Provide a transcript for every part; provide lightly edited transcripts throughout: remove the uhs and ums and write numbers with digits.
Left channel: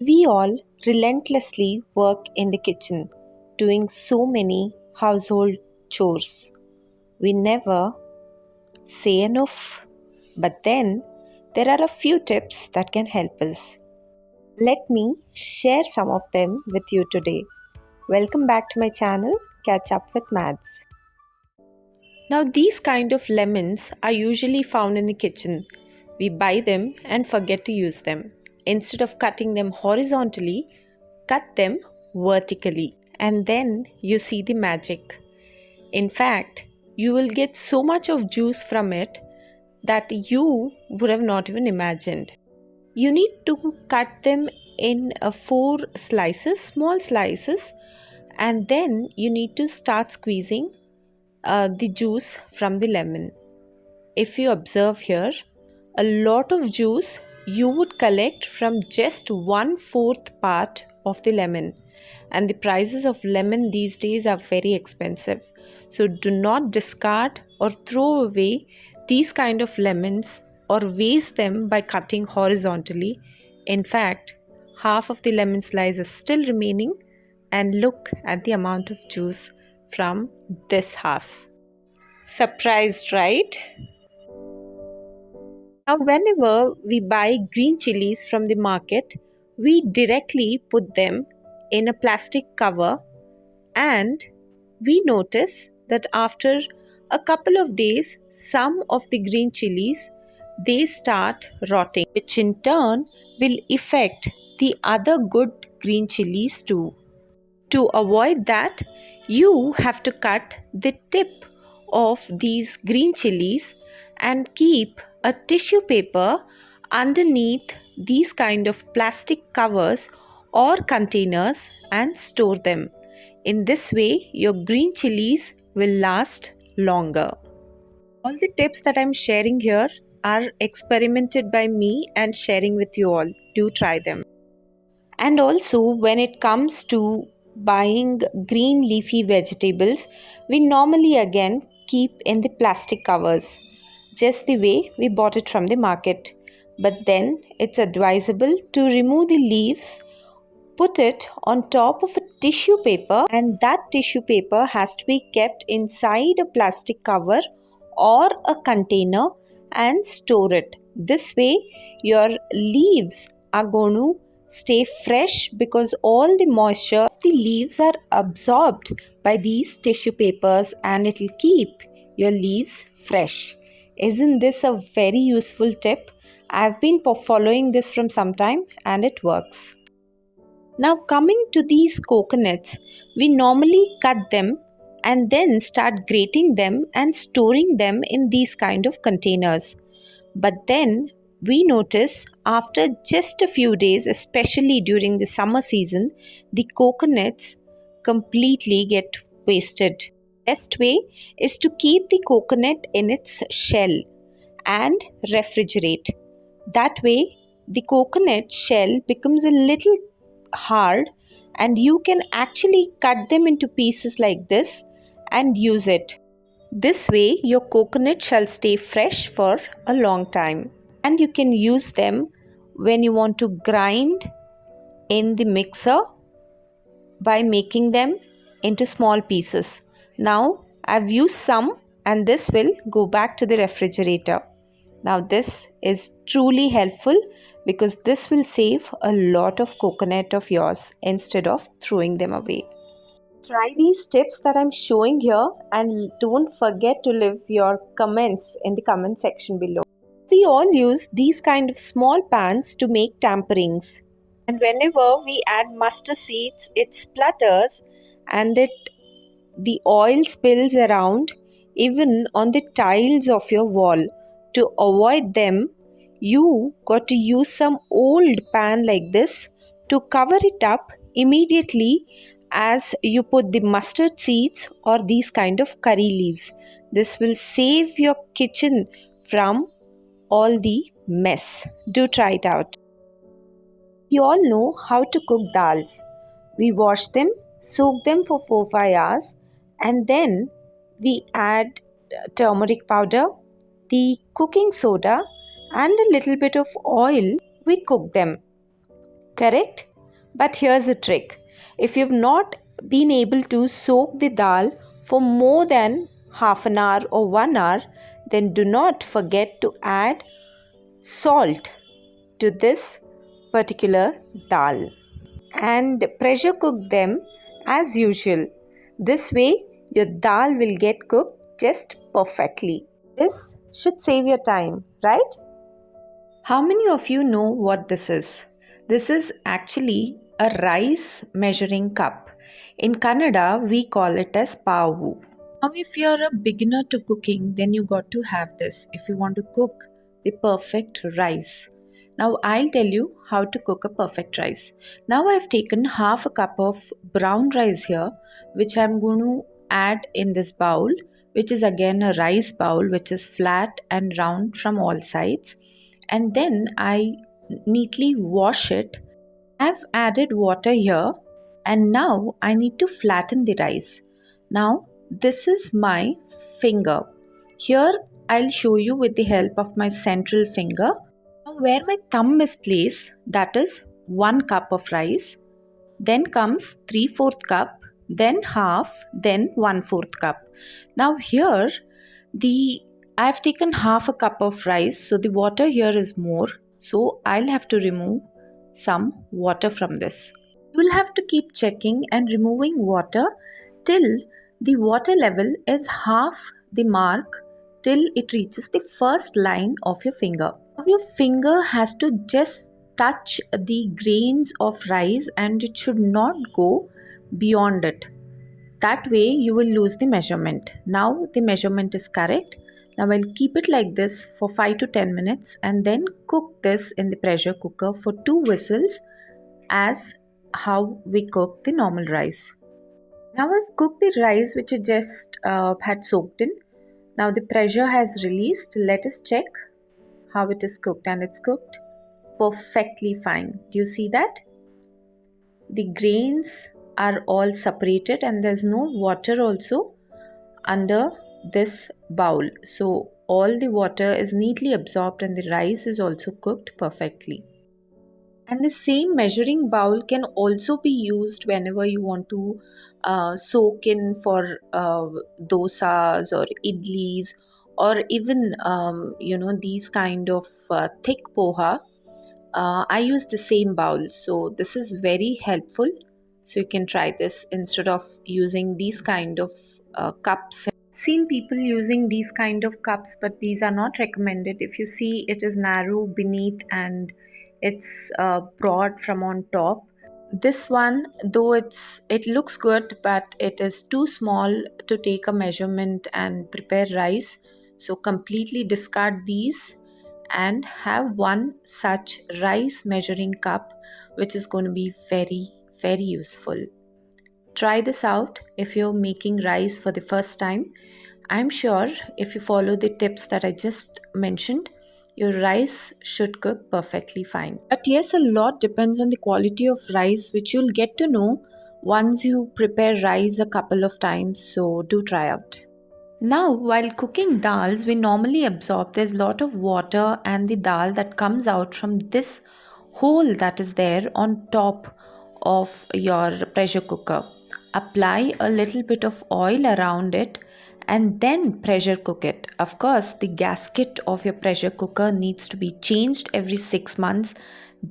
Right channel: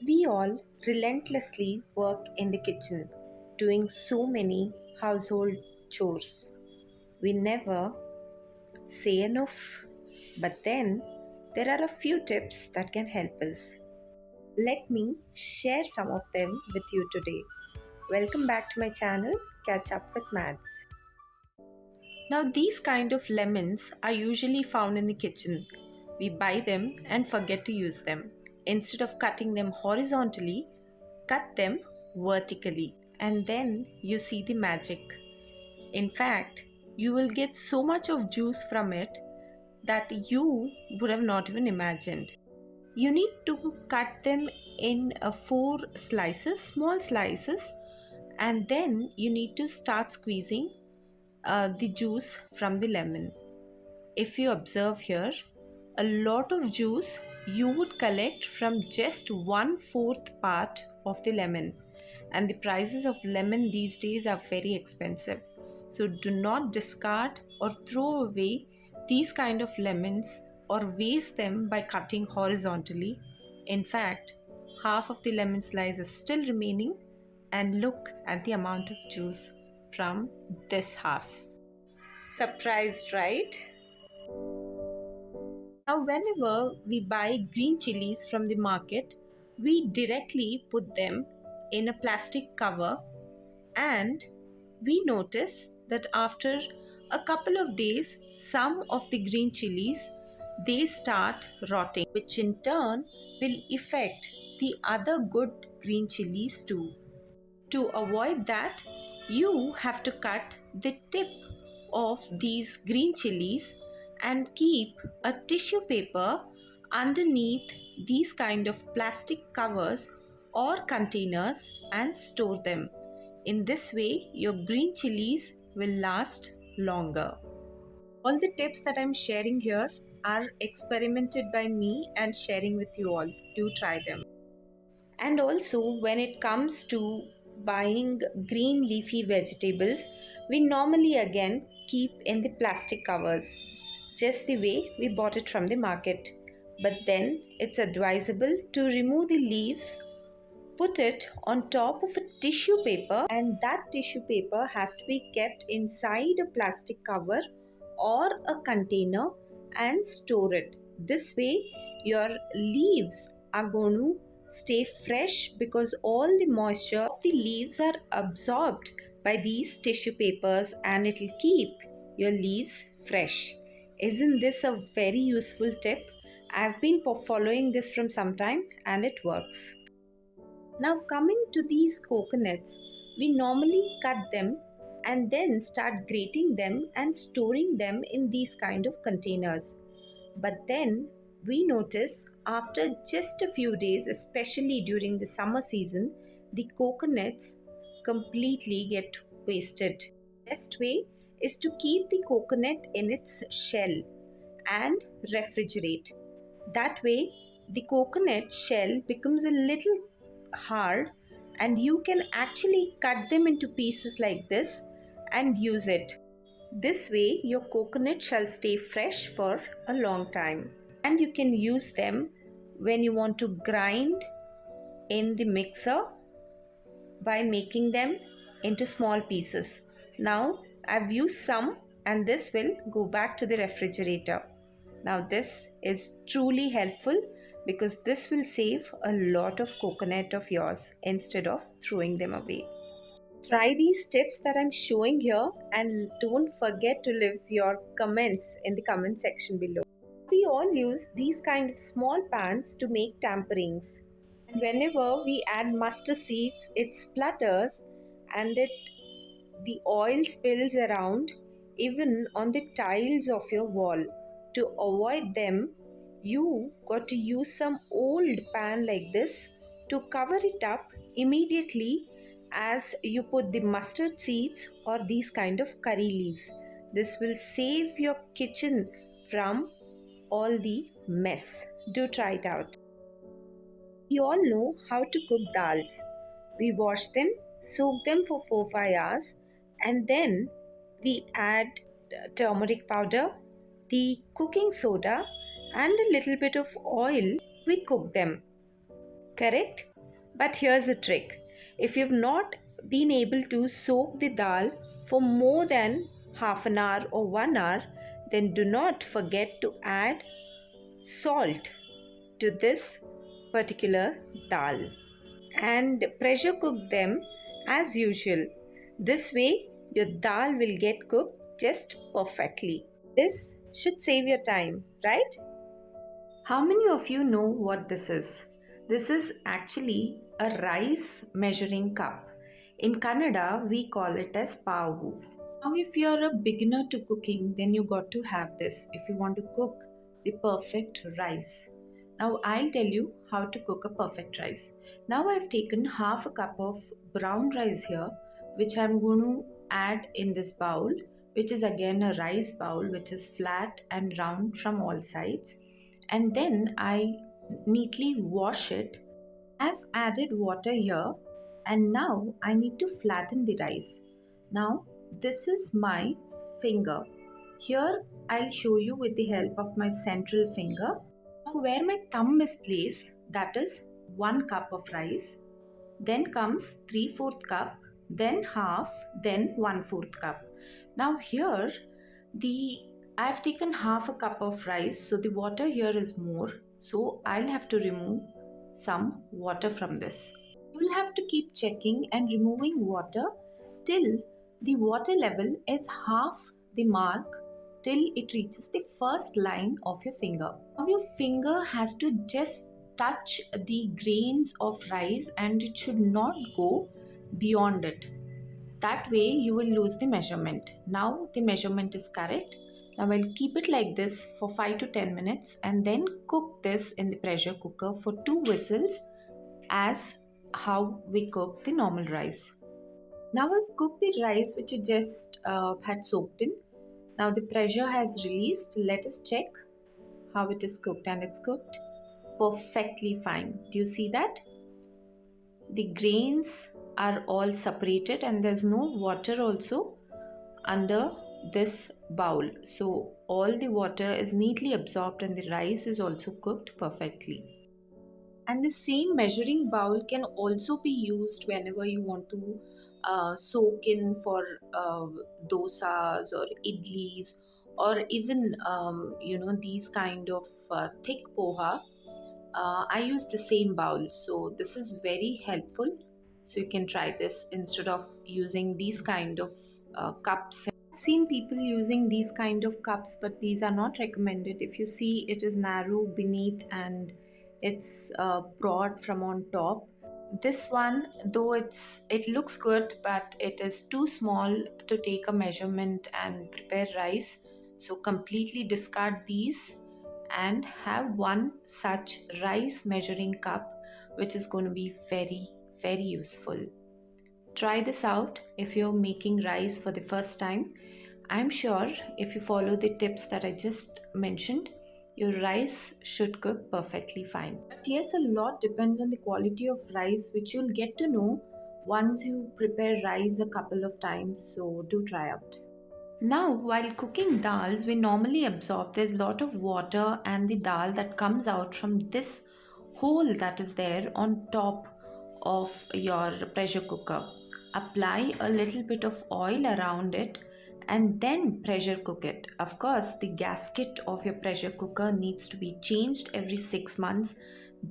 We all relentlessly work in the kitchen, doing so many household chores. We never say enough. But then, there are a few tips that can help us. Let me share some of them with you today. Welcome back to my channel, Catch Up with Mads. Now, these kind of lemons are usually found in the kitchen. We buy them and forget to use them. Instead of cutting them horizontally, cut them vertically, and then you see the magic. In fact, you will get so much of juice from it that you would have not even imagined. You need to cut them in four slices, small slices, and then you need to start squeezing the juice from the lemon. If you observe here, a lot of juice you would collect from just 1/4 part of the lemon, and the prices of lemon these days are very expensive. So do not discard or throw away these kind of lemons or waste them by cutting horizontally. In fact, half of the lemon slice is still remaining, and look at the amount of juice from this half. Surprised, right? Now, whenever we buy green chilies from the market, we directly put them in a plastic cover, and we notice that after a couple of days, some of the green chilies they start rotting, which in turn will affect the other good green chilies too. To avoid that, you have to cut the tip of these green chilies and keep a tissue paper underneath these kind of plastic covers or containers and store them. In this way, your green chilies will last longer. All the tips that I'm sharing here are experimented by me and sharing with you all. Do try them. And also, when it comes to buying green leafy vegetables, we normally again keep in the plastic covers, just the way we bought it from the market. But then it's advisable to remove the leaves, put it on top of a tissue paper, and that tissue paper has to be kept inside a plastic cover or a container and store it. This way, your leaves are going to stay fresh because all the moisture of the leaves are absorbed by these tissue papers, and it will keep your leaves fresh. Isn't this a very useful tip? I've been following this from some time and it works. Now, coming to these coconuts, we normally cut them and then start grating them and storing them in these kind of containers. But then we notice after just a few days, especially during the summer season, the coconuts completely get wasted. Best way is to keep the coconut in its shell and refrigerate. That way, the coconut shell becomes a little hard, and you can actually cut them into pieces like this and use it. This way, your coconut shall stay fresh for a long time, and you can use them when you want to grind in the mixer by making them into small pieces. Now, I've used some, and this will go back to the refrigerator. Now, this is truly helpful because this will save a lot of coconut of yours instead of throwing them away. Try these tips that I'm showing here, and don't forget to leave your comments in the comment section below. We all use these kind of small pans to make tamperings. And whenever we add mustard seeds, it splutters and the oil spills around even on the tiles of your wall. To avoid them, you got to use some old pan like this to cover it up immediately as you put the mustard seeds or these kind of curry leaves. This will save your kitchen from all the mess. Do try it out. You all know how to cook dals. We wash them, soak them for 4-5 hours, and then we add turmeric powder, the cooking soda, and a little bit of oil. We cook them. Correct? But here's a trick. If you've not been able to soak the dal for more than half an hour or 1 hour, then do not forget to add salt to this particular dal and pressure cook them as usual. This way, your dal will get cooked just perfectly. This should save your time, right? How many of you know what this is? This is actually a rice measuring cup. In Kannada, we call it as pavu. Now, if you're a beginner to cooking, then you got to have this if you want to cook the perfect rice. Now, I'll tell you how to cook a perfect rice. Now, I've taken half a cup of brown rice here, which I'm going to add in this bowl, which is again a rice bowl, which is flat and round from all sides. And then I neatly wash it. I've added water here, and now I need to flatten the rice. Now, this is my finger. Here, I'll show you with the help of my central finger. Now, where my thumb is placed, that is 1 cup of rice. Then comes 3/4 cup, then half, then 1/4 cup. Now, here, the I've taken half a cup of rice, so the water here is more. So, I'll have to remove some water from this. You will have to keep checking and removing water till the water level is half the mark, till it reaches the first line of your finger. Now your finger has to just touch the grains of rice and it should not go beyond it. That way you will lose the measurement. Now the measurement is correct. Now I'll keep it like this for 5 to 10 minutes and then cook this in the pressure cooker for 2 whistles as how we cook the normal rice. Now I've cooked the rice which I just had soaked in. Now the pressure has released. Let us check how it is cooked, and it's cooked perfectly fine. Do you see that? The grains are all separated and there's no water also under this bowl. So all the water is neatly absorbed and the rice is also cooked perfectly. And the same measuring bowl can also be used whenever you want to soak in for dosas or idlis, or even these kind of thick poha. I use the same bowl, so this is very helpful. So you can try this instead of using these kind of cups. I've seen people using these kind of cups, but these are not recommended. If you see, it is narrow beneath and it's broad from on top. This one, though it looks good, but it is too small to take a measurement and prepare rice. So completely discard these and have one such rice measuring cup, which is going to be very, very useful. Try this out if you're making rice for the first time. I'm sure if you follow the tips that I just mentioned, your rice should cook perfectly fine. But yes, a lot depends on the quality of rice, which you'll get to know once you prepare rice a couple of times. So do try out. Now, while cooking dals, we normally absorb there's a lot of water and the dal that comes out from this hole that is there on top of your pressure cooker. Apply a little bit of oil around it and then pressure cook it. Of course, the gasket of your pressure cooker needs to be changed every 6 months.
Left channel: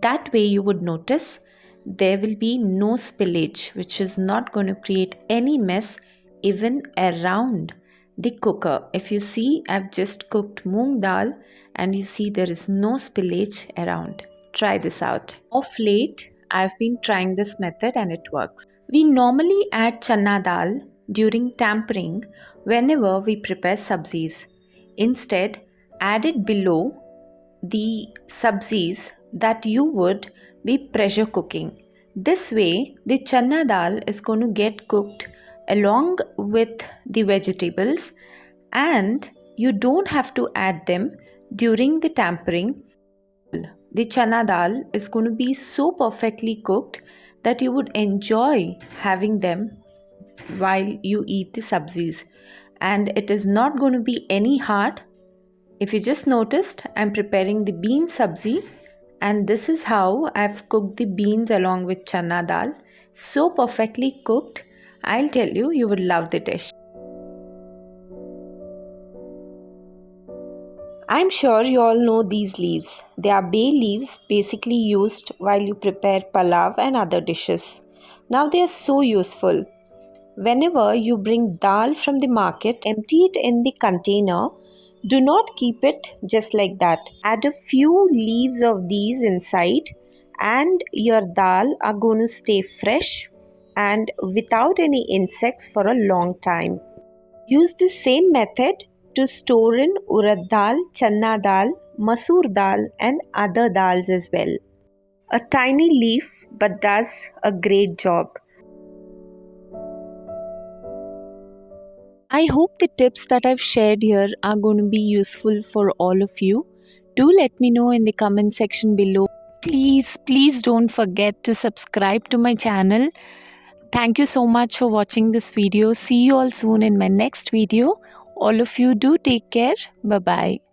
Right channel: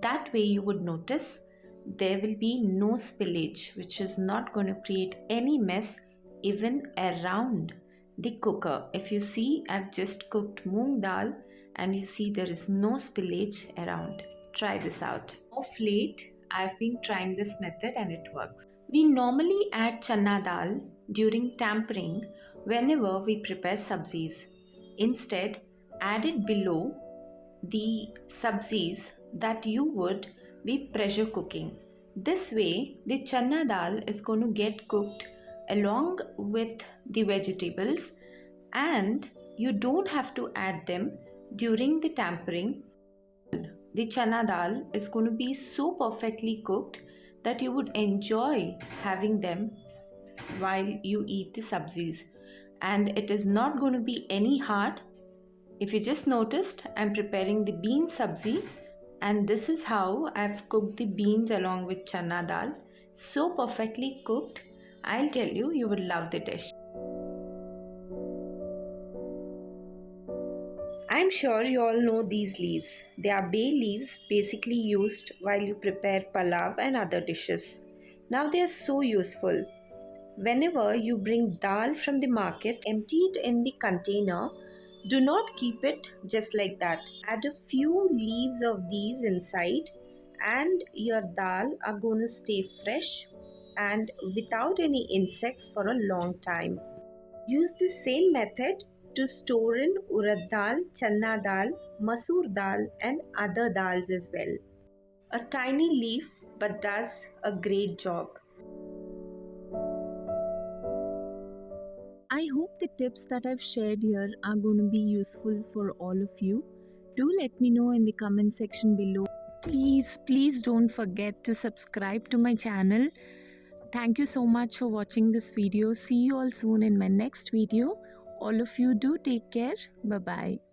That way, you would notice there will be no spillage, which is not going to create any mess even around the cooker. If you see, I've just cooked moong dal and you see there is no spillage around. Try this out. Of late, I've been trying this method and it works. We normally add chana dal during tampering whenever we prepare sabzis. Instead, add it below the sabzis that you would be pressure cooking. This way, the chana dal is going to get cooked along with the vegetables and you don't have to add them during the tampering. The chana dal is going to be so perfectly cooked that you would enjoy having them while you eat the sabzis, and it is not going to be any hard. If you just noticed, I'm preparing the bean sabzi And this is how I've cooked the beans along with chana dal. So perfectly cooked, I'll tell you, you will love the dish. I'm sure you all know these leaves. They are bay leaves basically used while you prepare palav and other dishes. Now they are so useful. Whenever you bring dal from the market, empty it in the container. Do not keep it just like that. Add a few leaves of these inside, and your dal are going to stay fresh and without any insects for a long time. Use the same method to store in urad dal, channa dal, masoor dal, and other dals as well. A tiny leaf but does a great job. I hope the tips that I've shared here are going to be useful for all of you. Do let me know in the comment section below. Please don't forget to subscribe to my channel. Thank you so much for watching this video. See you all soon in my next video. All of you do take care. Bye bye.